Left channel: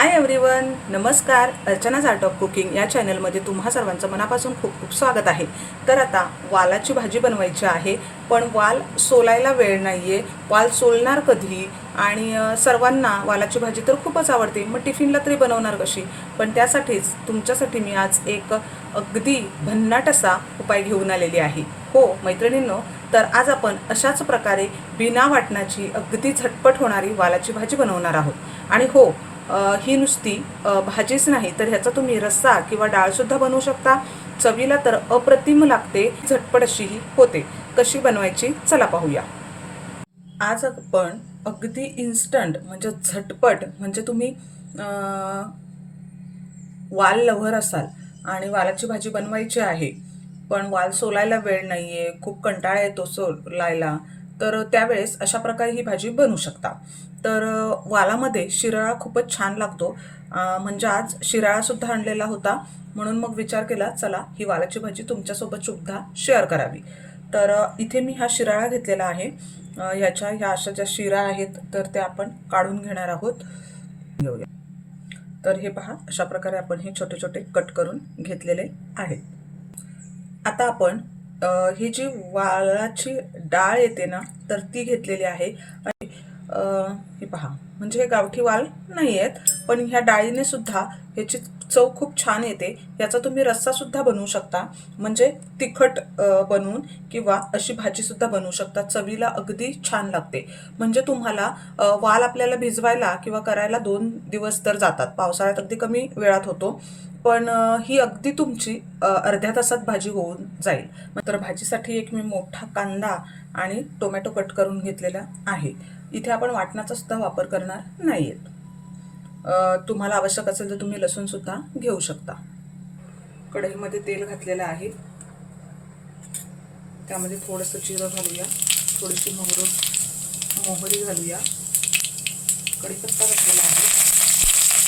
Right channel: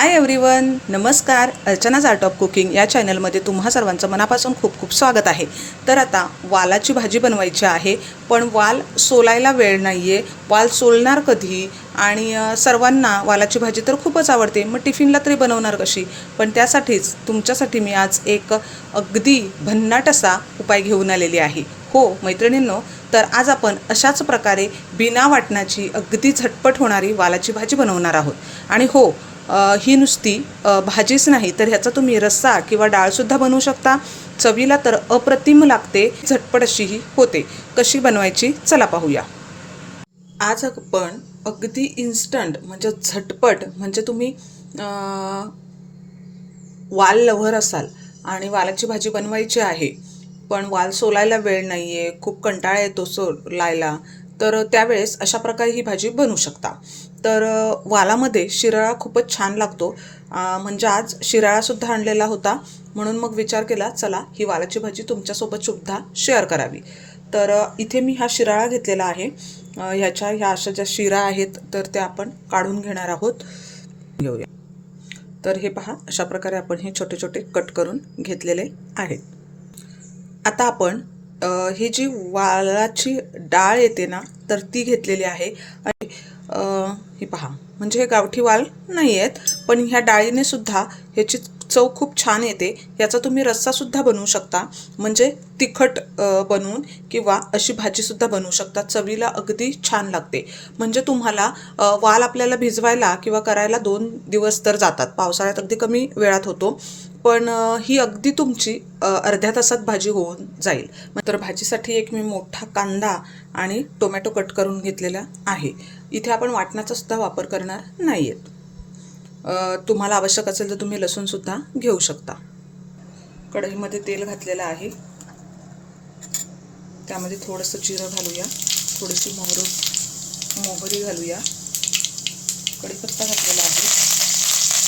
Hi everyone, नमस्कार. अर्चनाज art of cooking या चॅनलमध्ये तुम्हा सर्वांचं मनापासून खूप खूप स्वागत आहे. तर आता वालाची भाजी बनवायची आहे, पण वाल सोलायला वेळ नाही आहे. वाल सोलणार कधी? आणि सर्वांना वालाची भाजी तर खूपच आवडते, मग टिफिनला तरी बनवणार कशी? पण त्यासाठीच तुमच्यासाठी मी आज एक अगदी भन्नाट असा उपाय घेऊन आलेली आहे. हो मैत्रिणींनो, तर आज आपण अशाच प्रकारे बिना वाटणाची अगदी झटपट होणारी वालाची भाजी बनवणार आहोत. आणि हो, ही नुसती भाजीच नाही तर ह्याचा तुम्ही रस्सा किंवा डाळसुद्धा बनवू शकता. चवीला तर अप्रतिम लागते, झटपट अशीही होते. कशी बनवायची चला पाहूया. आज आपण अगदी इन्स्टंट म्हणजे झटपट, म्हणजे तुम्ही वाल लव्हर असाल आणि वालाची भाजी बनवायची आहे, पण वाल सोलायला वेळ नाही आहे, खूप कंटाळा येतो सोलायला, तर त्यावेळेस अशा प्रकारे ही भाजी बनवू शकता. तर वालामध्ये शिराळा खूपच छान लागतो. म्हणजे आज शिराळासुद्धा आणलेला होता, म्हणून मग विचार केला चला ही वालाची भाजी तुमच्यासोबत सुद्धा शेअर करावी. तर इथे मी हा शिराळा घेतलेला आहे. ह्या अशा ज्या शिरा आहेत तर त्या आपण काढून घेणार आहोत. घेऊया. तर हे पहा, अशा प्रकारे आपण हे छोटे छोटे कट करून घेतलेले आहेत. आता आपण ही जी वालाची डाळ येते ना, तर ती घेतलेली आहे. आणि हे पहा, म्हणजे हे गावठी वाल नाही आहेत, पण ह्या डाळीने सुद्धा ह्याची चव खूप छान येते. याचा तुम्ही रस्सासुद्धा बनवू शकता, म्हणजे तिखट बनवून, किंवा अशी भाजीसुद्धा बनवू शकता. चवीला अगदी छान लागते. म्हणजे तुम्हाला वाल आपल्याला भिजवायला किंवा करायला 2 दिवस तर जातात. पावसाळ्यात अगदी कमी वेळात होतो, पण ही अगदी तुमची अर्ध्या तासात भाजी होऊन जाईल. तर भाजीसाठी एक मी मोठा कांदा आणि टोमॅटो कट करून घेतलेला आहे. इथे आपण वाटणाचा सुद्धा वापर करणार नाही आहेत. तुम्हाला आवश्यक असेल तर तुम्ही लसूणसुद्धा घेऊ शकता. कढईमध्ये तेल घातलेलं आहे, त्यामध्ये थोडंसं जिरं घालूया, थोडीशी मोहरी घालूया, कढीपत्ता घातलेला आहे.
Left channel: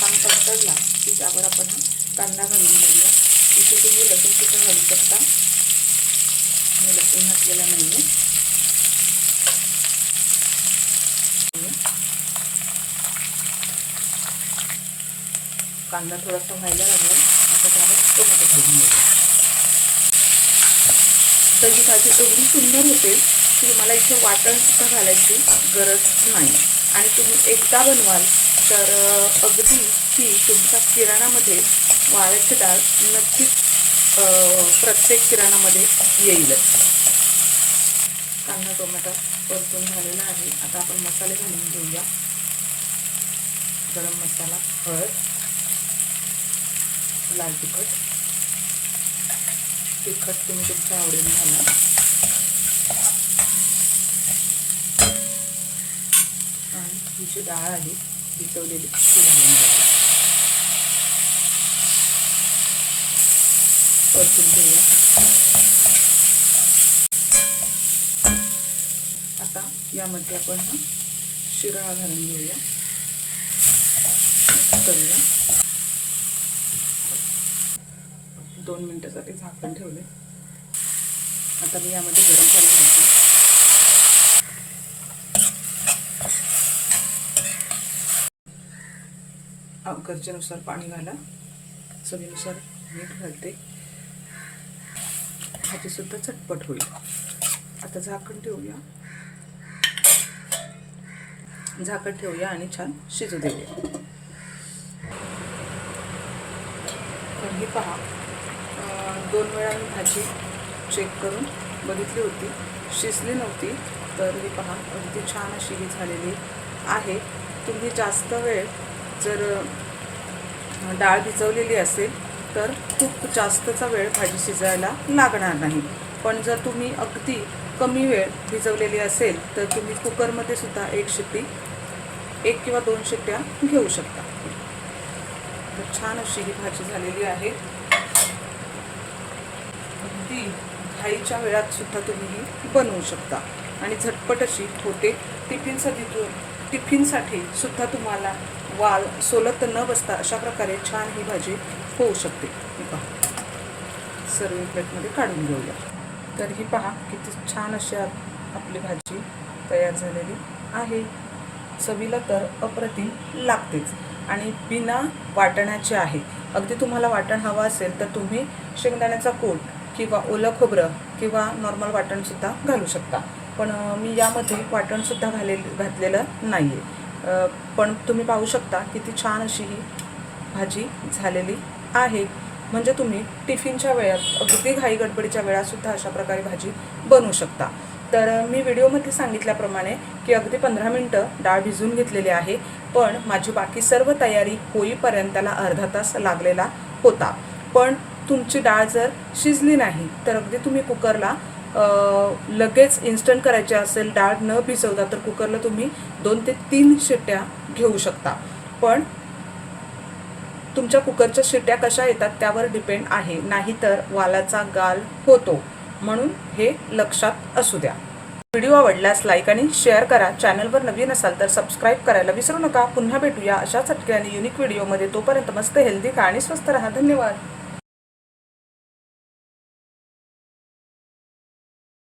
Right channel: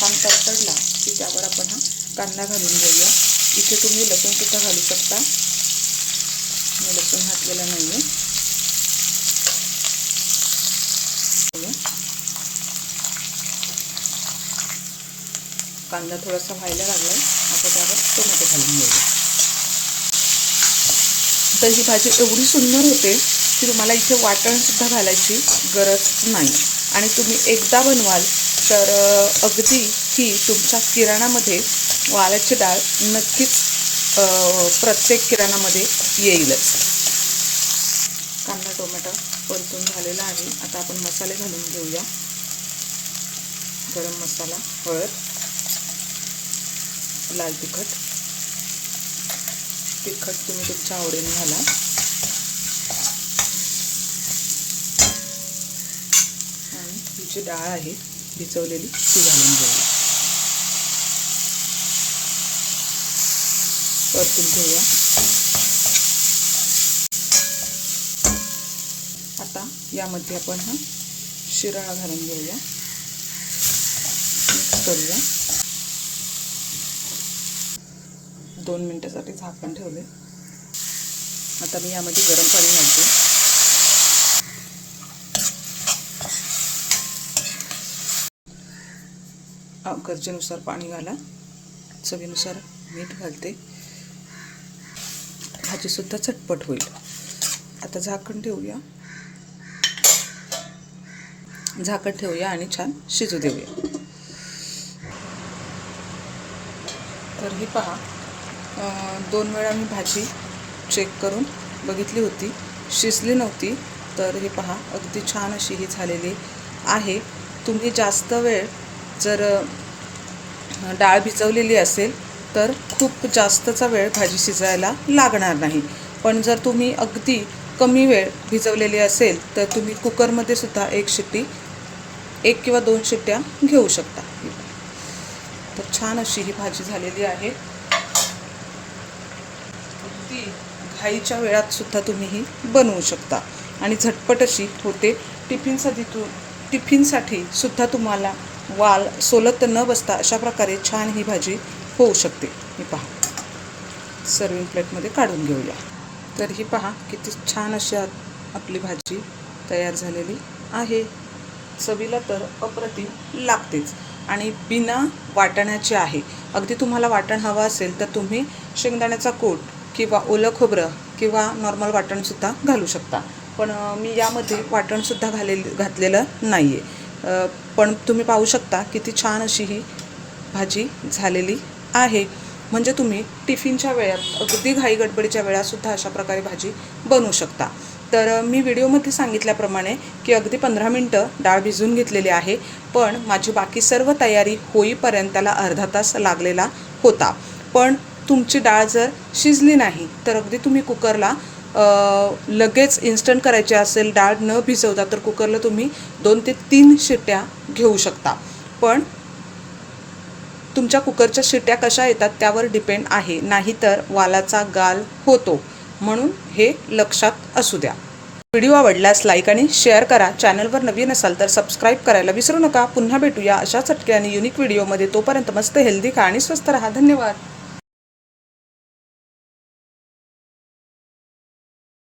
छान तडतडला की त्यावर आपण हा कांदा घालून घेऊया. इथे तुम्ही लसूणसुद्धा घालू शकता, मी लसूण घातलेला नाही आहे. कांदा थोडासा व्हायला लागला, आता त्यावर टोमॅटो घालून घेऊया. तर ही भाजी एवढी सुंदर होते की तुम्हाला इथे वाटणसुद्धा घालायची गरज नाही. आणि तुम्ही एकदा बनवाल तर अगदी ही तुमच्या किराणामध्ये वालाची डाळ नक्कीच प्रत्येक किराणामध्ये येईलच. कांदा टोमॅटो परतून झालेला आहे. आता आपण मसाले घालून घेऊया. गरम मसाला, हळद, लाल तिखट तुम्ही तुमच्या आवडीने घाला. आणि ही जी डाळ आहे भिजवलेली ती घालून घ्यावी. परतून घेऊया. आता यामध्ये आपण हा शिराळा घालून घेऊया, मिक्स करूया. 2 मिनिटासाठी झाकण ठेवले. आता मी यामध्ये गरम पाणी घालते. गरजेनुसार पाणी घाला, चवीनुसार मीठ घालते. भाजीसुद्धा झटपट होईल. आता झाकण ठेवूया आणि छान शिजू देऊया. तर ही पहा, 2 वेळा मी भाजी चेक करून बघितली होती, शिजली नव्हती. तर ही पहा, अगदी छान अशी ही झालेली आहे. तुम्ही जास्त वेळ जर डाळ भिजवलेली असेल तर खूप जास्तचा वेळ भाजी शिजायला लागणार नाही. पण जर तुम्ही अगदी कमी वेळ भिजवलेली असेल तर तुम्ही कुकरमध्ये सुद्धा 1 किंवा 2 शिट्ट्या घेऊ शकता. तर छान अशी ही भाजी झालेली आहे. अगदी घाईच्या वेळात सुद्धा तुम्ही ही बनवू शकता आणि झटपट अशी होते. टिफिनसाठी सुद्धा तुम्हाला वाल सोलत न बसता अशा प्रकारे छान ही भाजी होऊ शकते. ही पहा, सर्विंग प्लेटमध्ये काढून घेऊया. तर ही पहा, किती छान अशी आपली भाजी तयार झालेली आहे. चवीला तर अप्रतिम लागतेच. आणि बिना वाटणाची आहे. अगदी तुम्हाला वाटण हवं असेल तर तुम्ही शेंगदाण्याचा कूट किंवा ओलं खोबरं किंवा नॉर्मल वाटणसुद्धा घालू शकता. पण मी यामध्ये वाटणसुद्धा घातलेलं नाही आहे. पण तुम्ही पाहू शकता किती छान अशी ही भाजी झालेली आहे. म्हणजे तुम्ही टिफिनच्या वेळात अगदी घाई गडबडीच्या वेळातसुद्धा अशा प्रकारे भाजी बनवू शकता. तर मी व्हिडिओमध्ये सांगितल्याप्रमाणे की अगदी 15 मिनटं डाळ भिजवून घेतलेली आहे. पण माझी बाकी सर्व तयारी होईपर्यंत त्याला अर्धा तास लागलेला होता. पण तुमची डाळ जर शिजली नाही तर अगदी तुम्ही कुकरला लगेच इन्स्टंट करायची असेल डाळ न भिजवता तर कुकरला तुम्ही 2 ते 3 शिट्ट्या घेऊ शकता. पण तुमच्या कुकरच्या शिट्ट्या कशा येतात त्यावर डिपेंड आहे. नाहीतर वालाचा गाल होतो. म्हणून हे लक्षात असू द्या. व्हिडिओ आवडल्यास लाईक आणि शेअर करा. चॅनलवर नवीन असाल तर सबस्क्राईब करायला विसरू नका. पुन्हा भेटूया अशा चटके आणि युनिक व्हिडिओमध्ये. तोपर्यंत मस्त हेल्दी खा आणि स्वस्थ राहा. धन्यवाद.